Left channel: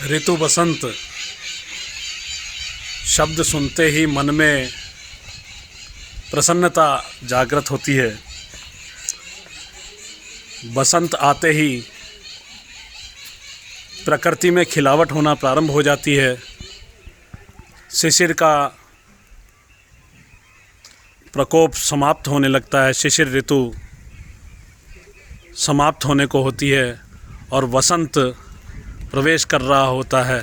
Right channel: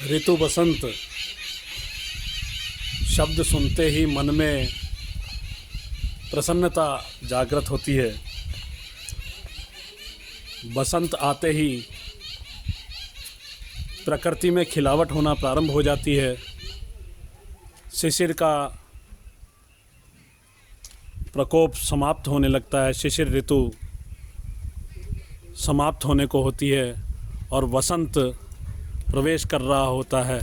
ऋतु बसंत शब्द सुनते ही मन में प्रसन्नता जागृत होती है। बसंत आते ही प्रकृति में खिलावट होना प्रारंभ हो जाती है। शिशिर का प्रकोप समाप्त होने लगता है। शिशिर ऋतु समाप्त होने को होती है और वसंत प्रवेश कर रहा होता है।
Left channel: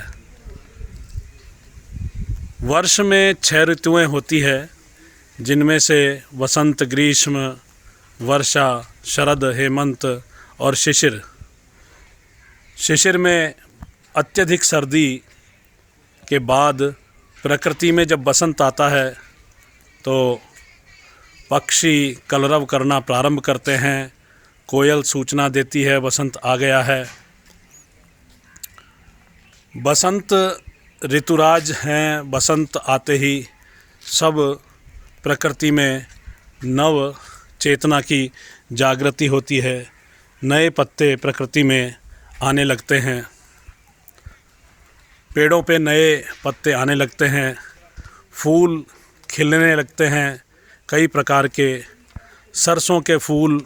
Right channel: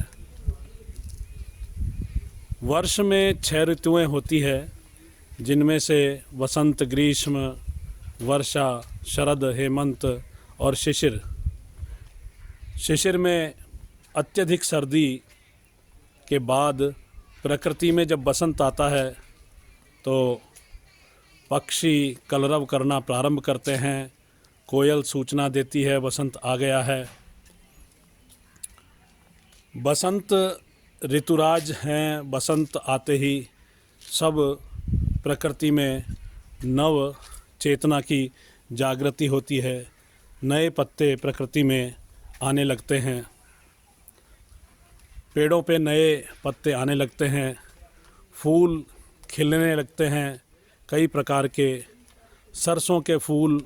वर्ष में 6 ऋतुएं होती है, जिनमें से वसंत, ग्रीष्म, वर्षा, शरद, हेमंत और शिशिर। शिशिर में अत्यधिक सर्दी के बाद प्रकृति में जब बसंत आता है तो पक्षी कलरव करना प्रारंभ करते हैं। कोयल सूचना देती है बसंत आ गया है। बसंत ऋतुराज हैं। बसंत आते ही सब प्रकृति में नव चेतना की जागृति होती है। नए पत्ते प्रकृति में आने लगते हैं। पेड़ों पे नए पत्ते आने लगते हैं। फूल खिलने लगते हैं। कई प्रकार के सरसों के फूल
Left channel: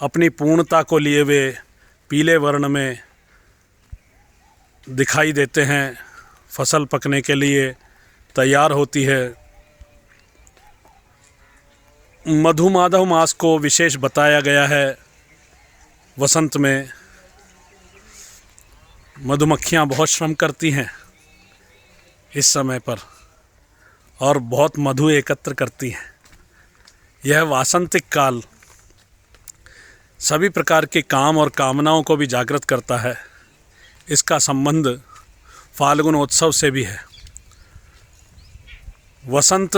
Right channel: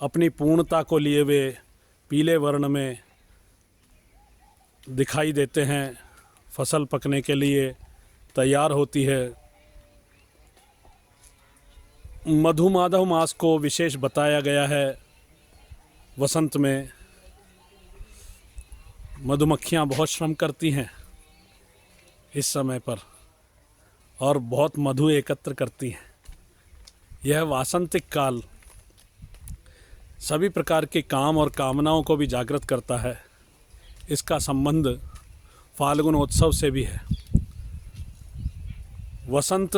अपनी पूर्णता को लिए हुए पीले वर्ण में दिखाई देते हैं। फसल पकने के लिए तैयार होती है। मधुमाधव मास को विशेष बताया गया है। वसंत में मधुमक्खियाँ बहुत श्रम करती हैं इस समय पर और बहुत मधु एकत्र करती हैं। यह वासंतिक काल सभी प्रकार के काम और कामनाओं को भी जागृत करता है। इसका संबंध फाल्गुन उत्सव से भी है। वसंत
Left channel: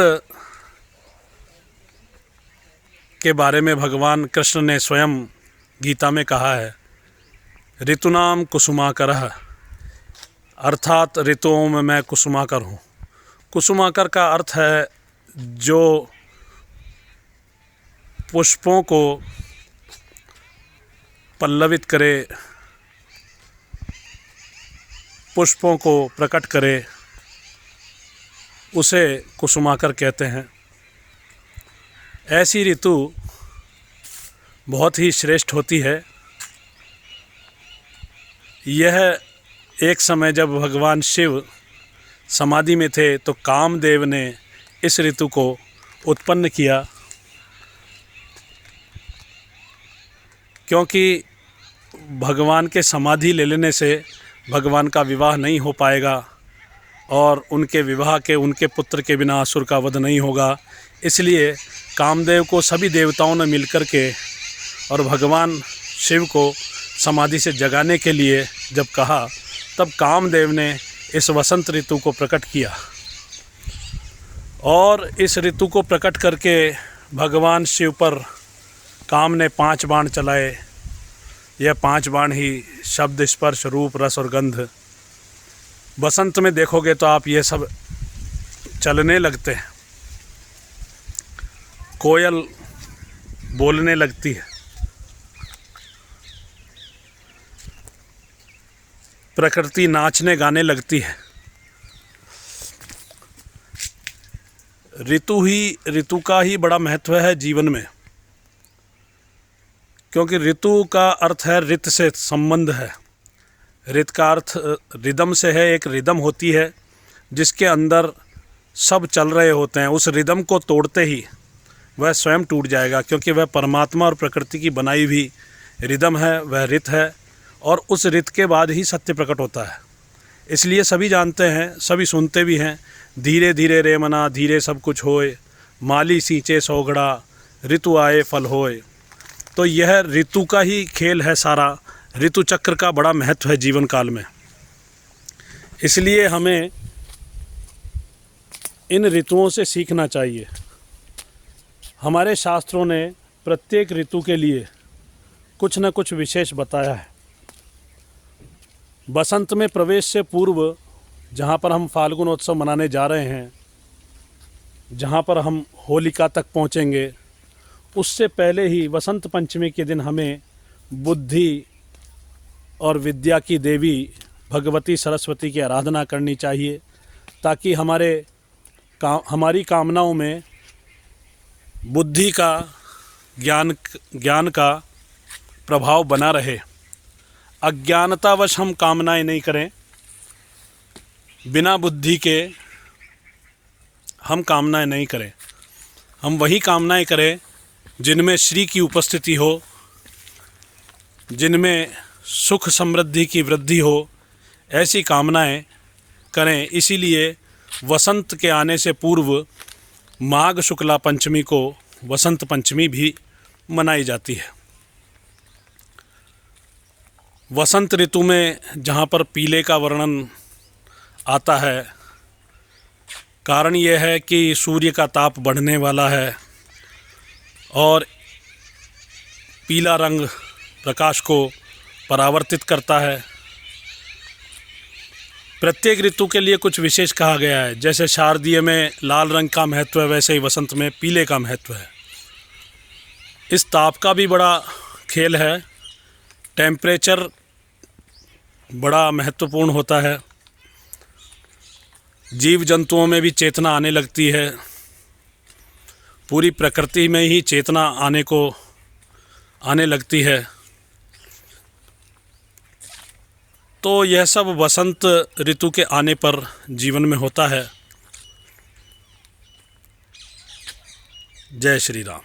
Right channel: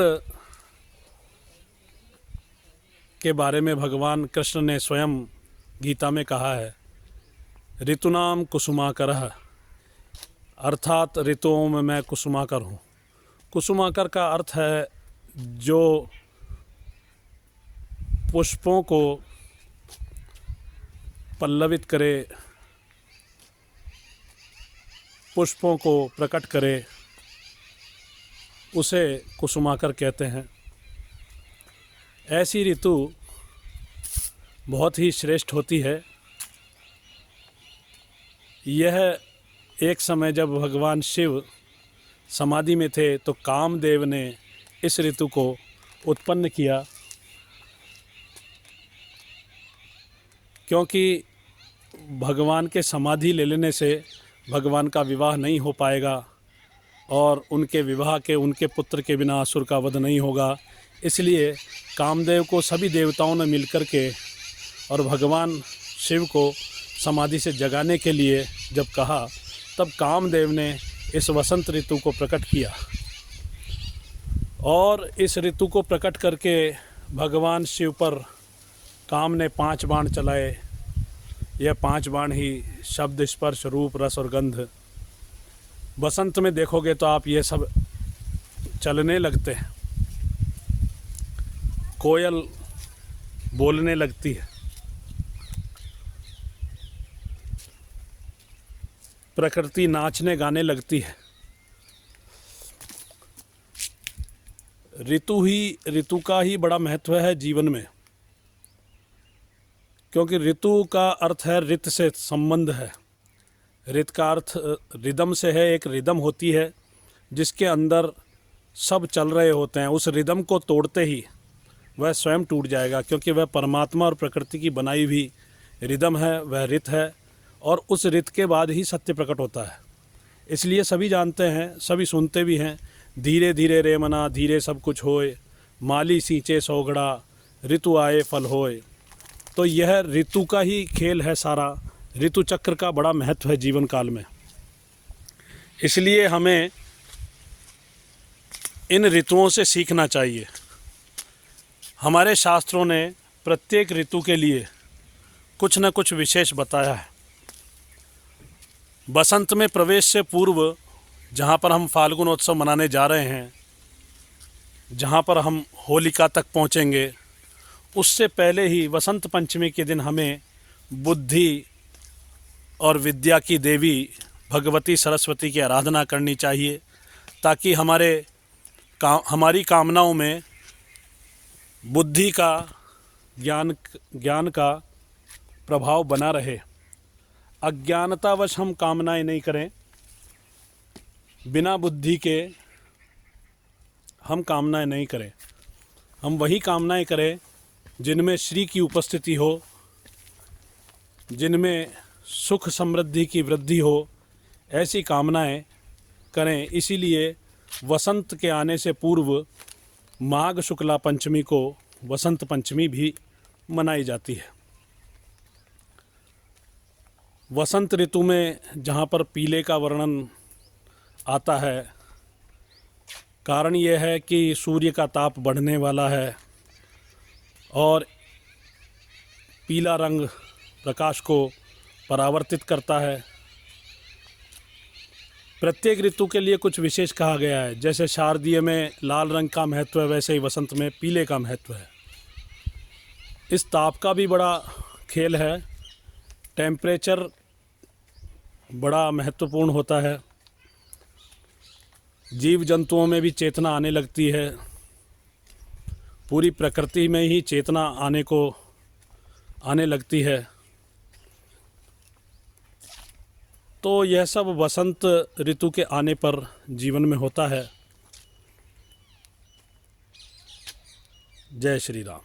के बारे में भगवान कृष्ण ने स्वयं गीता में कहा है, ऋतुनाम कुसुमाकरः, अर्थात ऋतुओं में मैं कुसुमाकर हूँ। कुसुमाकर का अर्थ है जो पुष्पों को पल्लवित करे, पुष्पों को प्रकट करे, उसे कुसुमाकर कहते हैं। ऐसी ऋतु बहुत ही श्रेष्ठ होती है। यह एक समय जब भगवान शिव समाधि में थे तो कामदेव ने इस ऋतु को उत्पन्न किया, क्योंकि भगवान के समाधि ले लेने से भगवान का विवाह नहीं हो पाएगा और उनके विवाह के उनके पुत्र के बिना असुर का वध नहीं होगा। इसलिए कामदेव को सभी देवताओं ने मिलकर के और भगवान शिव को समाधि से जगाने के लिए जब कहा, तब कामदेव ने इस वसंत ऋतु को प्रकट किया और इस ऋतु को प्रकट करके भगवान शिव पर काम ने 5 बाण चलाए। यह 5 बाण ही शब्द, स्पर्श, रूप, रस और गंध। बसंत में देखोगे तो आप ये सब चलने लगते हैं। कोयल बोलने लगती है। प्रकृति नाचने गाने लगती है। ऋतु का ही बड़ा महत्व है जीवन में, क्योंकि ऋतु का अर्थ है ऋत से संबंध है। ऋत का अर्थ रिदम से है। एक रिदम होती है जिसके अंदर सब चल रहे होते हैं। उस रिदम को तोड़ते ही वह स्वयं टूट जाएगा, क्योंकि वह परमात्मा और प्रकृति की बनाई हुई रिदम है, वह ऋत है। और उस ऋत के बाद ही सत्य प्रकट होता है। इसलिए सभी जानते हैं, सभी सुनते भी हैं, धीरे धीरे रे मना धीरे सब कुछ होए, माली सींचे सौगड़ा, ऋतु आए फल होए। तो यह ऋतु का ही खेल है सारा। ऋतु चक्र का बड़ा महत्व है जीवन काल में। इसलिए हमें इन ऋतुओं से सीखना चाहिए। हमारे शास्त्रों ने प्रत्येक ऋतु के लिए कुछ न कुछ विशेष बताया है। बसंत में प्रवेश से पूर्व, जहाँ पर हम फाल्गुन उत्सव मनाने जा रहे हैं, जहाँ पर हम होलिका तक पहुँचेंगे, उससे पहले ही वसंत पंचमी के दिन हमें बुद्धि और विद्या की देवी भगवती सरस्वती की आराधना करनी चाहिए, ताकि हमारी कामनाओं में बुद्धि का ज्ञान का प्रभाव बना रहे। अज्ञानतावश हम कामनाएं नहीं करें, बिना बुद्धि के हम कामनाएं नहीं करें। हम वही कामनाएं करें जिनमें श्री की उपस्थिति हो, जिनमें सुख समृद्धि की वृद्धि हो, ऐसी कामनाएं करें। इसीलिए वसंत के आने से पूर्व माघ शुक्ला पंचमी को वसंत पंचमी भी मनाई जाती है। वसंत ऋतु में जहाँ पर पीले का वर्णन आता है, कारण यह है कि सूर्य का ताप बढ़ने वाला है और पीला रंग प्रकाश को परावर्तित करता है। प्रत्येक ऋतु के लिए कुछ विशेष कहा गया है। जैसे शारदीय में लाल रंग का महत्व है, वैसे ही वसंत में पीले का महत्व है। इस ताप का भी बड़ा खेल है। टेम्परेचर बड़ा महत्वपूर्ण होता है। जीव जंतुओं में भी चेतना आने लगती है। पूरी प्रकृति में ही चेतना आने लगती है। तो यह सब वसंत ऋतु के आने पर जीवन में होता है। जय श्री राम।